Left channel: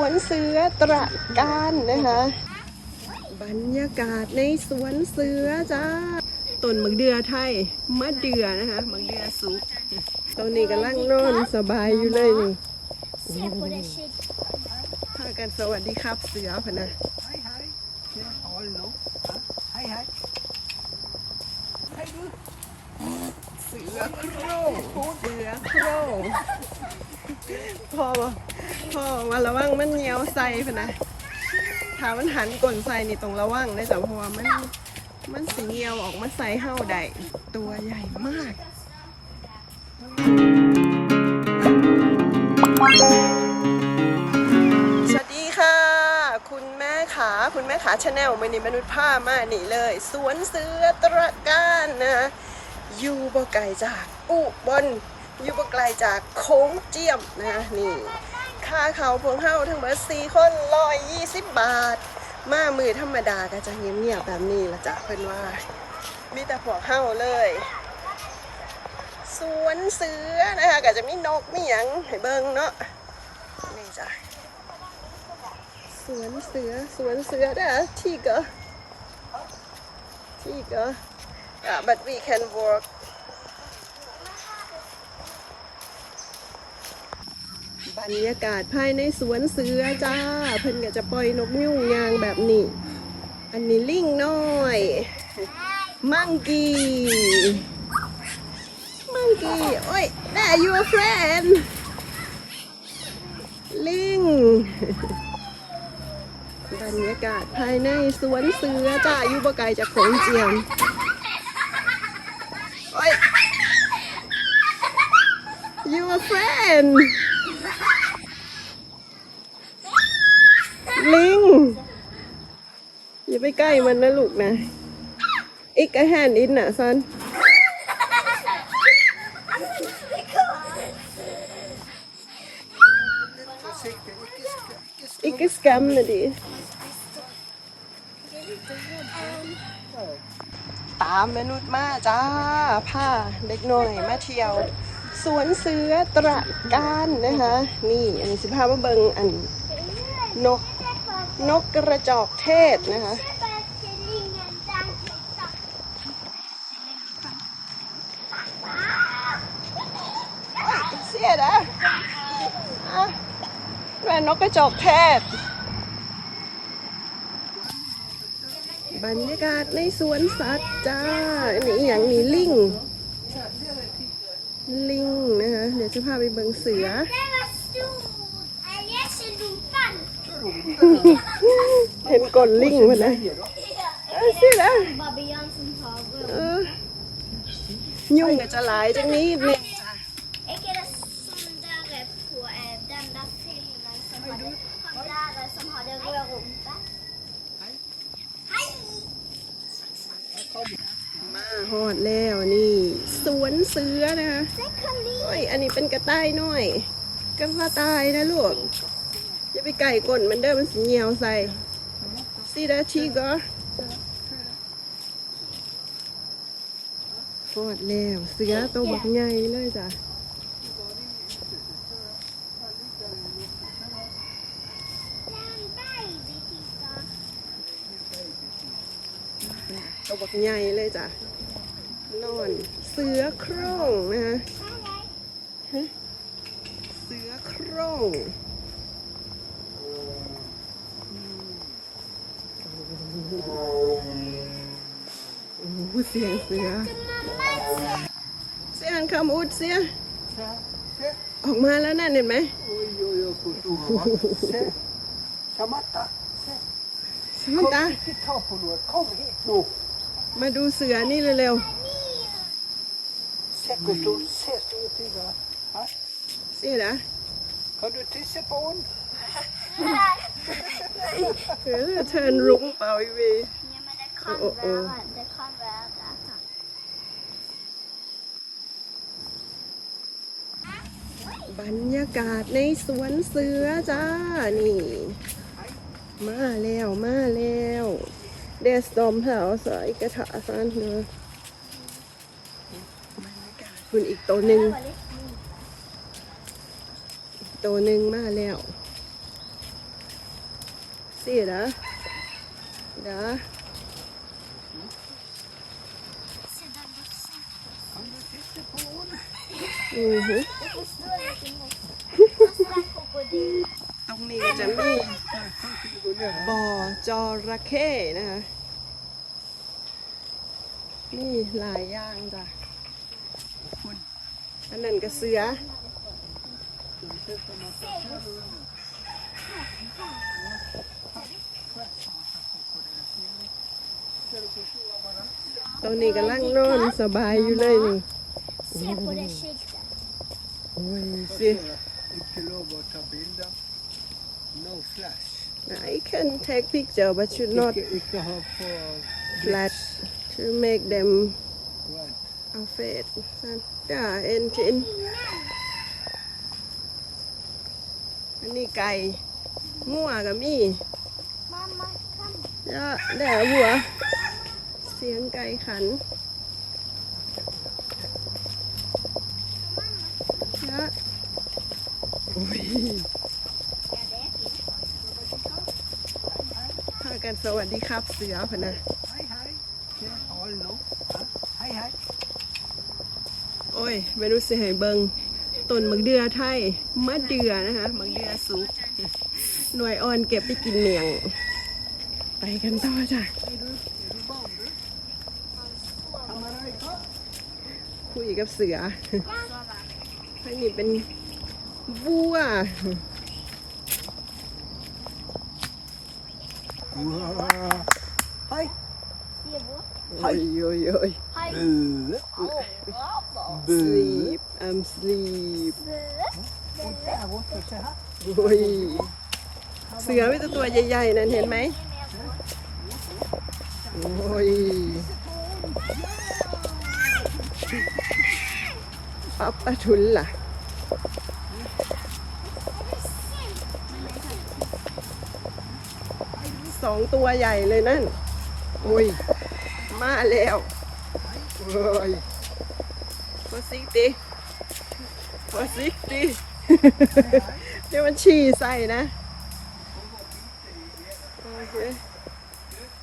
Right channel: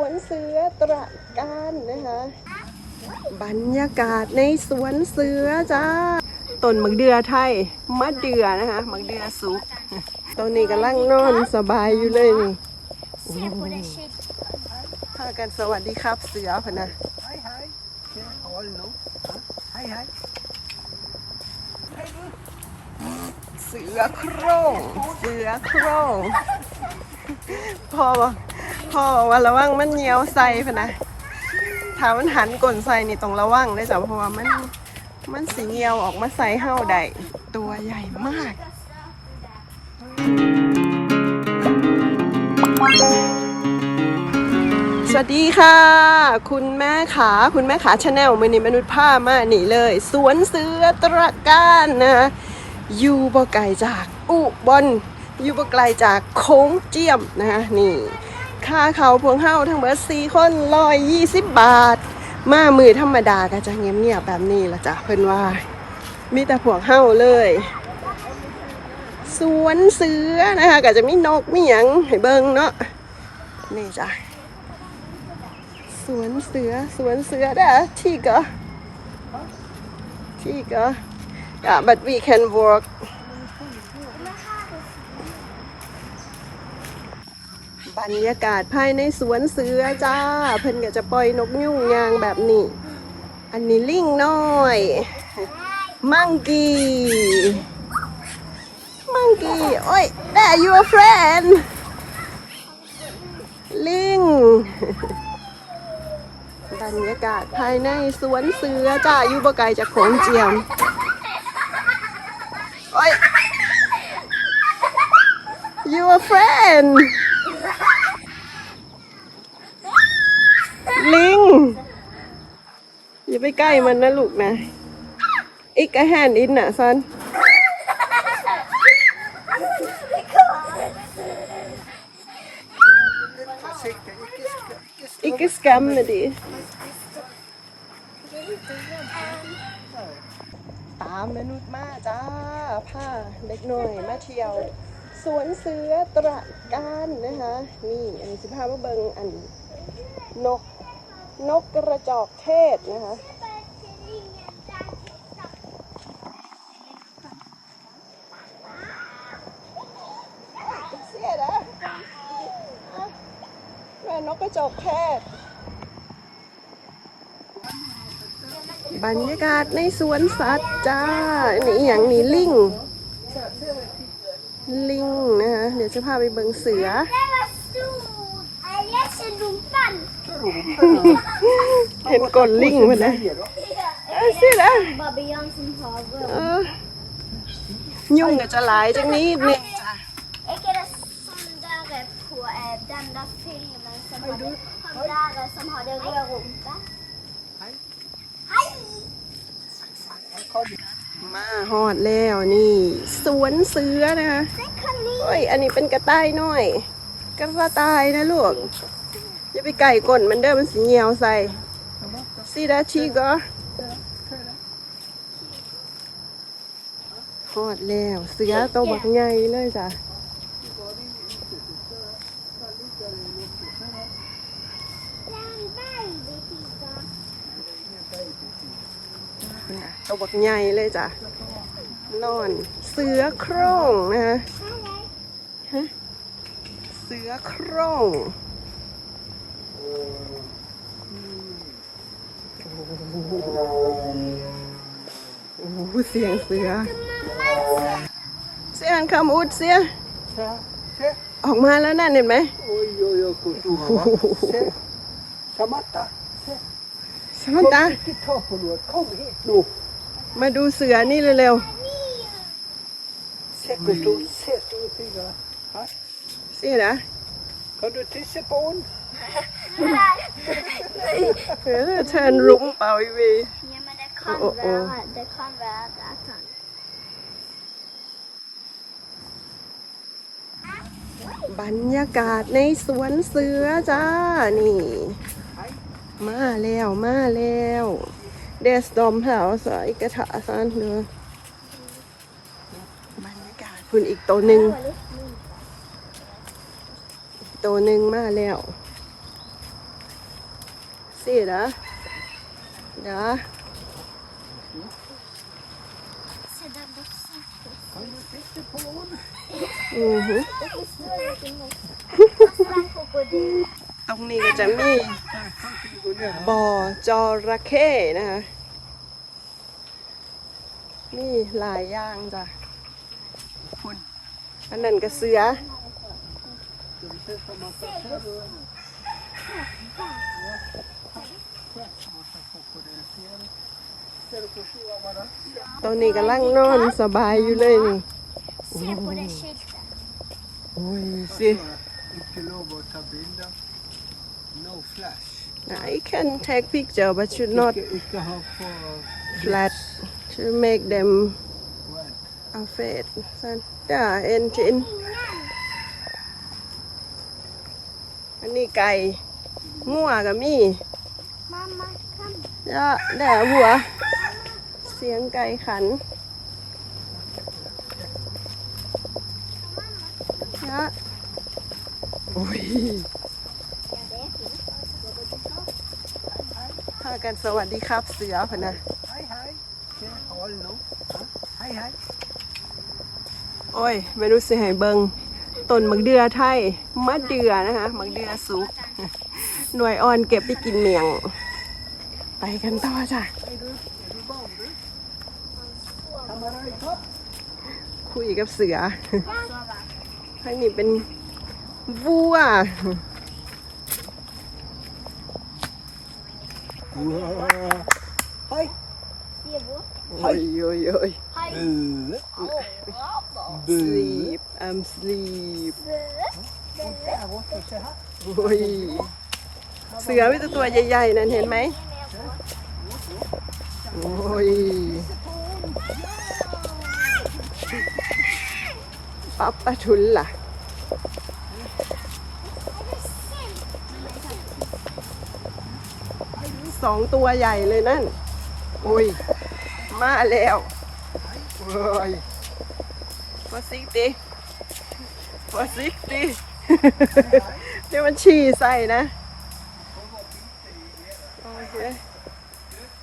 วนเสือตระการนะคะ บรรยากาศในสวนเสือจ้าต้นมะเดือไทยมะเดือนะคะมะเดือสุกตอนนี้กำลังนอนสบายอยู่เลยนี่พากันสวัสดีครับเสือพะนะ Hej, hej. Ja, hold nu. Ja, Hej, hej. เสือโคร่งเสือโคร่งพ่อบอก พ่อว่าระวังมันเหนียวใส่พะนะถ้ามันหันกลนใส่นี่ต้องระวังเลยจ้ะเพราะว่ามันมันสีเหนียวออกมาใส่เห่าได้ตัวใหญ่มากสวัสดีค่ะ คุณแม่ขาคุณแม่ขาชาแนลมือนี้มนุษย์ผ้ามานี่เลย สวนเสือตระการนะอยู่บ่ไกลจากอุบลอยู่บ่ไกลจากโค้งเจียมนะนี่ ค่าเขาพวงเฮาทั้งหมดสี่คนร้อยยี่สิบบาท มามือธรรมดาก็จะเงียบๆแบบนี้ละจ้ะเพิ่อนว่า มีแต่พวกเฮาเลย สวนเสือนะคะก็จะมีนกมีหยังให้เบิ่งเนาะนี่จ้ะสวนเสือสวนเสือได้อที่ก็ที่ก็ yeah but we can work บรรยากาศภายในสวนเสือจ้า เพิ่นก็จะปล่อยนกยุ่งยางแบบนี้ อันนี้ลิงน้อย มังกี้ มังกี้ โอ้ย there your friend ลิงบรรยากาศภายในสวนเสือจ้าอยู่บ่ไกลจากโขงเจียมโอ้ย you a friend ลิง อย่า ไปใกล้มันนะลูกนะ อีกแฮนอินน่ะซันอีกสแกมนะดิตามมนุษย์มาจ้าผ้าเด็กหน่อยมาเที่ยว สวนเสือตระการนะคะ นี่อันนี้สิพามาเบิงอันนกนกกระจอกเทศนะคะ เสียนะอะแม่น กกระจอกเทศ บรรยากาศในสวนสัตว์จ้านี่อหย่างนี้ลิง ลิงนะคะเดี๋ยวจะพาไปเบิงเสือ Det var stor. Jeg leser rumpen. เห็นกลลิงมาเลย Leie, da. Se der. Babian som haver. เออยุ่งก็จะหลายจังนี้ มาหอดแล้วนี่ สวนเสือนะคะโอ้ยอันนี้เป็นกระต่ายน้อย กระต่ายนะลูกอย่าไปไก่ก้นมันเด้อมันสีเหี่ยวใส่ซีดาชีก็หอดแล้วเสือตัวบักใหญ่เลยจ้ะ Det er en baby, Tita. เนี่ย ตัวบักใหญ่เลยจ้ะนอนเสือโคร่งนะคะเสือโคร่งโอ้โหเสียงเสือ เสียงคำอุดเสีย ออกมาแล้วนั่นเห็นไหม Oi, oi, oi, hvor stor han var. Se. Samantha, se. สมันตา มาดูเสือนี่เร็ว Se hvor stor. Se store fingre. Hæ? ๆเสียนะ Kan du tisse på den? เออเชิญรุ้งเป่าอีวี Ja, men det kan Å, å, å. være, det kan være at han บรรยากาศในสวนเสือจ้า นี่ มาแล้ว มาแล้ว เดสดอมแถวสายกระถาซานเนือคุณอีกตัวหนึ่งตัวหนึ่งมาแล้วสิเดี๋ยว C'est d'abord ça. Kan du titta på den? อือหือตรงนี้ก็จะมีบ่อจระเข้นะคะ มีหลายอย่างจ้ะคุณอันนั้นก็เสือ Ser du förstå vad det ตอนนี้กำลังนอนสบายอยู่เลยนี่ Se på det skylten. โอ้ย är? สิ Inte lov att ta bilder. No flash. I can take picture but should not Icke, icke ha på flash to make them Well, afraid สันจ้าเอ็นจินอันนี้ไก่งัวกับมี Mamma, kom. จ้าแด่หัว เสียงไก่ขันจ้าโอ้ย Ja, det är fint. พากันสวัสดีครับเสือพะนะ hej hej. Ska jag hålla nu? Ja, Hej hej. โอ้ยไม่รู้สิให้เบิงต้นมักเดือไทยมะเดือนะคะมักเดือสุก หน่วยอ่อนเก็บไปกินเมียง ไปกันต่อจ้ะ Hej du. Är du barn du? Kan man ha kopp? คุยกับเสือ Sova. ข้างนี้เป็นวัว Hej. Det är vårt. โอ้ย โอ้ยโอ้ย Hej. Sleep I'm sleep โอ้ยเสือมีแต่ตัวใหญ่ๆนั่นเห็นไหมโอ้ยปั๊บปะทุนล่ะ สองตัวใหญ่เลยนั่น โอ้ย มาแล้วโอ้ยมาซิกดิมาซิกดิเดี๋ยวมันฉี่ใส่นะโอเค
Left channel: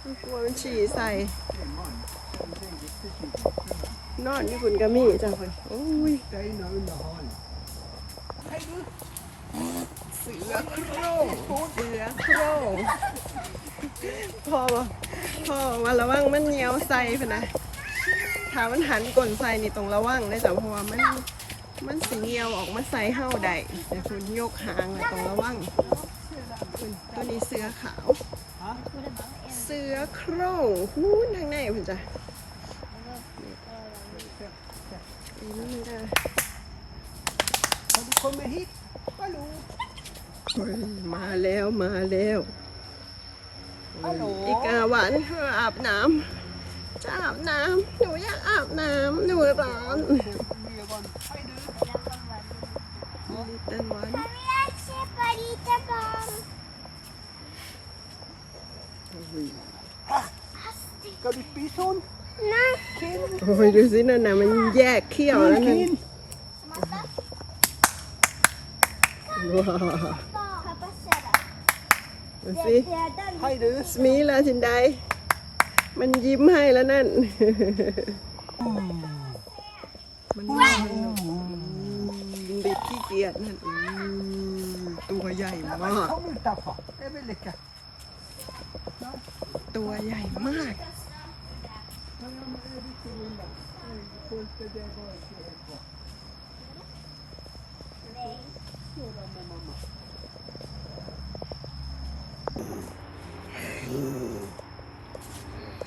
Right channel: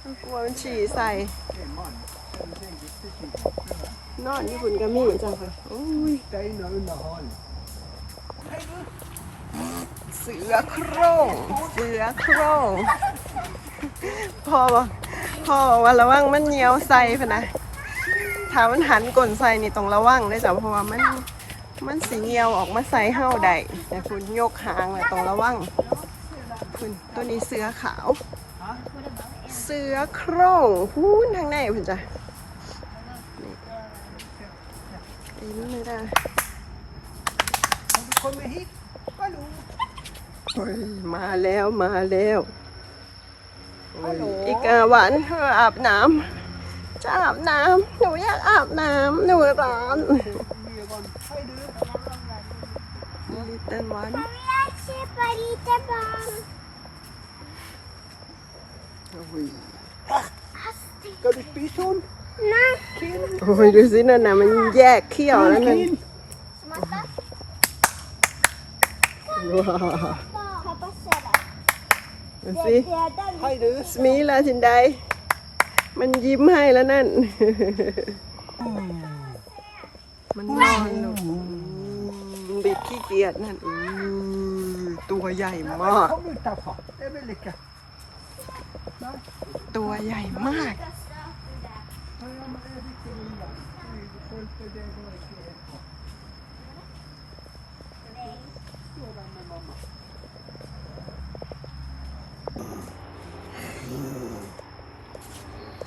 มันกลัวมันฉี่ใส่ นอนญี่ปุ่นก็มีจังเลยโอ้ย Steiner under halen. เสือโคร่งเสือโคร่งพ่อบอก พ่อว่าระวังมันเหนียวใส่พะนะถ้ามันหันก้นใส่นี่ต้องระวังเลยจ้ะเพราะว่ามันมันสีเหนียวออกมาใส่เห่าได้แต่คุณยกหางเลยต้องระวังคุณตัวนี้เสือขาว เสือโคร่งพูนทางในคุณจ้ะอันนี้ไม่ได้มาแล้วมาแล้ว อ้ยอีกาหวานเธออาบน้ำจะอาบน้ำหนูอยากอาบน้ำหนูร้อน Egon. Hej du. ลิตเติ้ลวัน Jag vill köpa lite barn. Ska du spisa hon? Nej. Kin. โอ้ยดูสินั่นน่ะมันแยกเขี้ยวแล้วนั่น Kin. Matta. ว้าว Pappa ser det. ดูสิ är den. Hej du. สมีลาชินไดมันยิ้มให้แล้วนั่น มันนอนลงบิดขี้เกียจนั่นอือตัวใหญ่มาก Kom utanför. Det väl lika. ตัวใหญ่มาก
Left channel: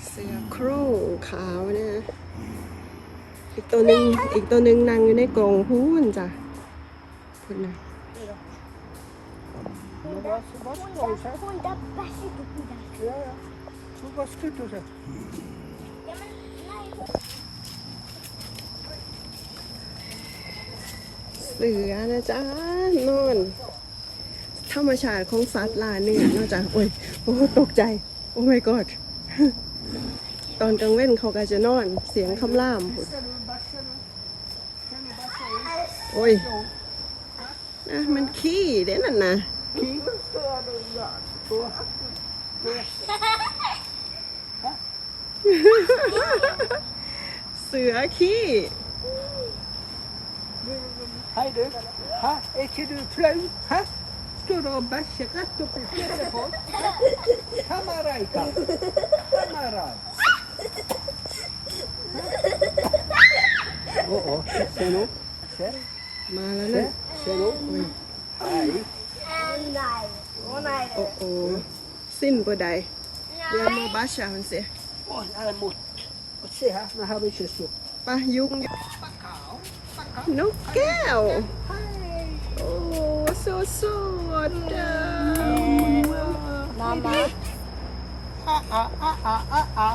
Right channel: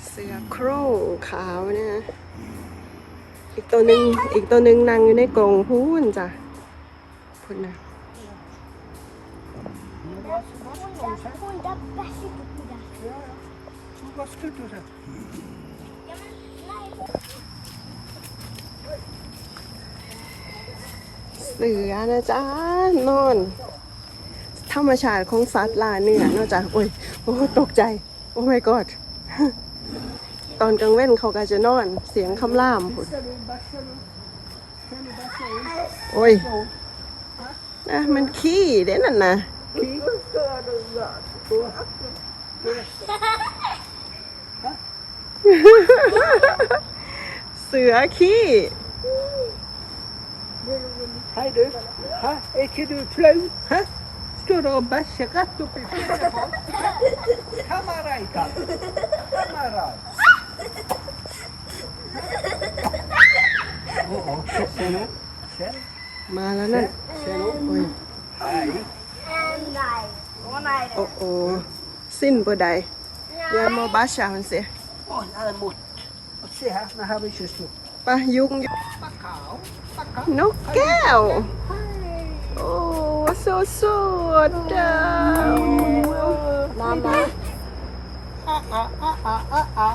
เสือโคร่ง ขาวนี่ยอีกตัวหนึ่งอีกตัวหนึ่งนั่งอยู่ในกรงพูนจ้ะพูนนะเสือนะจ๊ะนอนธรรมชาติของสัตว์ลาเนื้อนอกจากโอ้ยโอ้ตกใจ โอ้ my god ตอนกลางเว้นเขาก็จะนอนเสียงคำล่ามพุ่น Ska du basta nu? Kan du basta hon? โอ้ยนะมันขี้เด้นั่นนะ King. เสือขี้ Hej du. Ha, är inte du flau? Ha? Ska du ha bäskat rätt upp i huvudet มาแล้วนั่น Ser du? โอ้ย And like, one night. โอ้โอสิ้นบ่ใดยามาบาชามันเสีย Oj, han är mot. Se här, nu har vi kysst upp. ปะยุงยุง Bacau. Bacau. นกแก้ว Hej. โอ้สดสดจ้า Mamma. Ah, ah, ah, ah,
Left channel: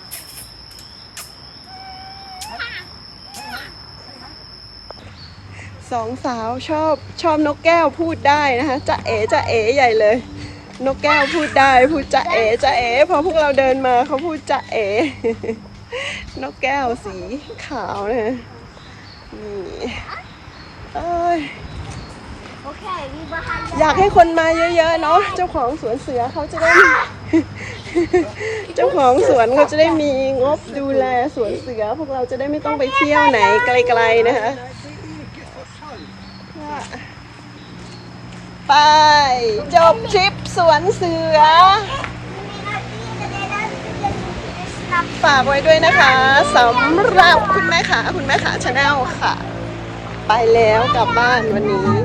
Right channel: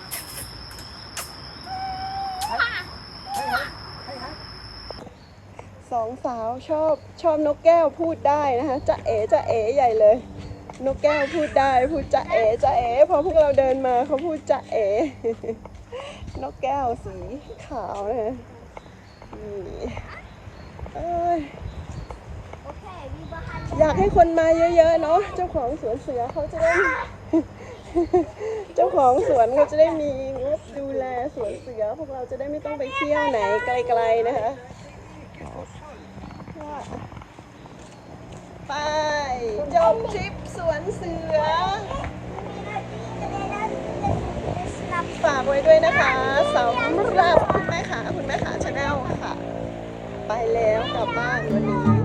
สองสาวชอบชอบนกแก้วพูดได้นะคะจะเอ๋จะเอ๋ใหญ่เลย นกแก้วพูดได้พูดจะเอ๋จะเอ๋พอพวกเราเดินมาเขาพูดจะเอ๋นกแก้วสีขาวนะนี่เอ้ยอยากให้คนมาเยอะๆเนาะเจ้าของสวนเสือเขาจะได้ เจ้าของสวนเขาจะได้มีงบดูแลสวนเสือ พวกเราจะได้ไม่ต้องไปเที่ยวไหนไกลๆนะคะ ไป จบทริปสวนเสือ ฝากไว้ด้วยนะคะสำหรับคุณแม่ขาคุณแม่ขาชาแนลค่ะ ไปแล้วกลับบ้านวันนี้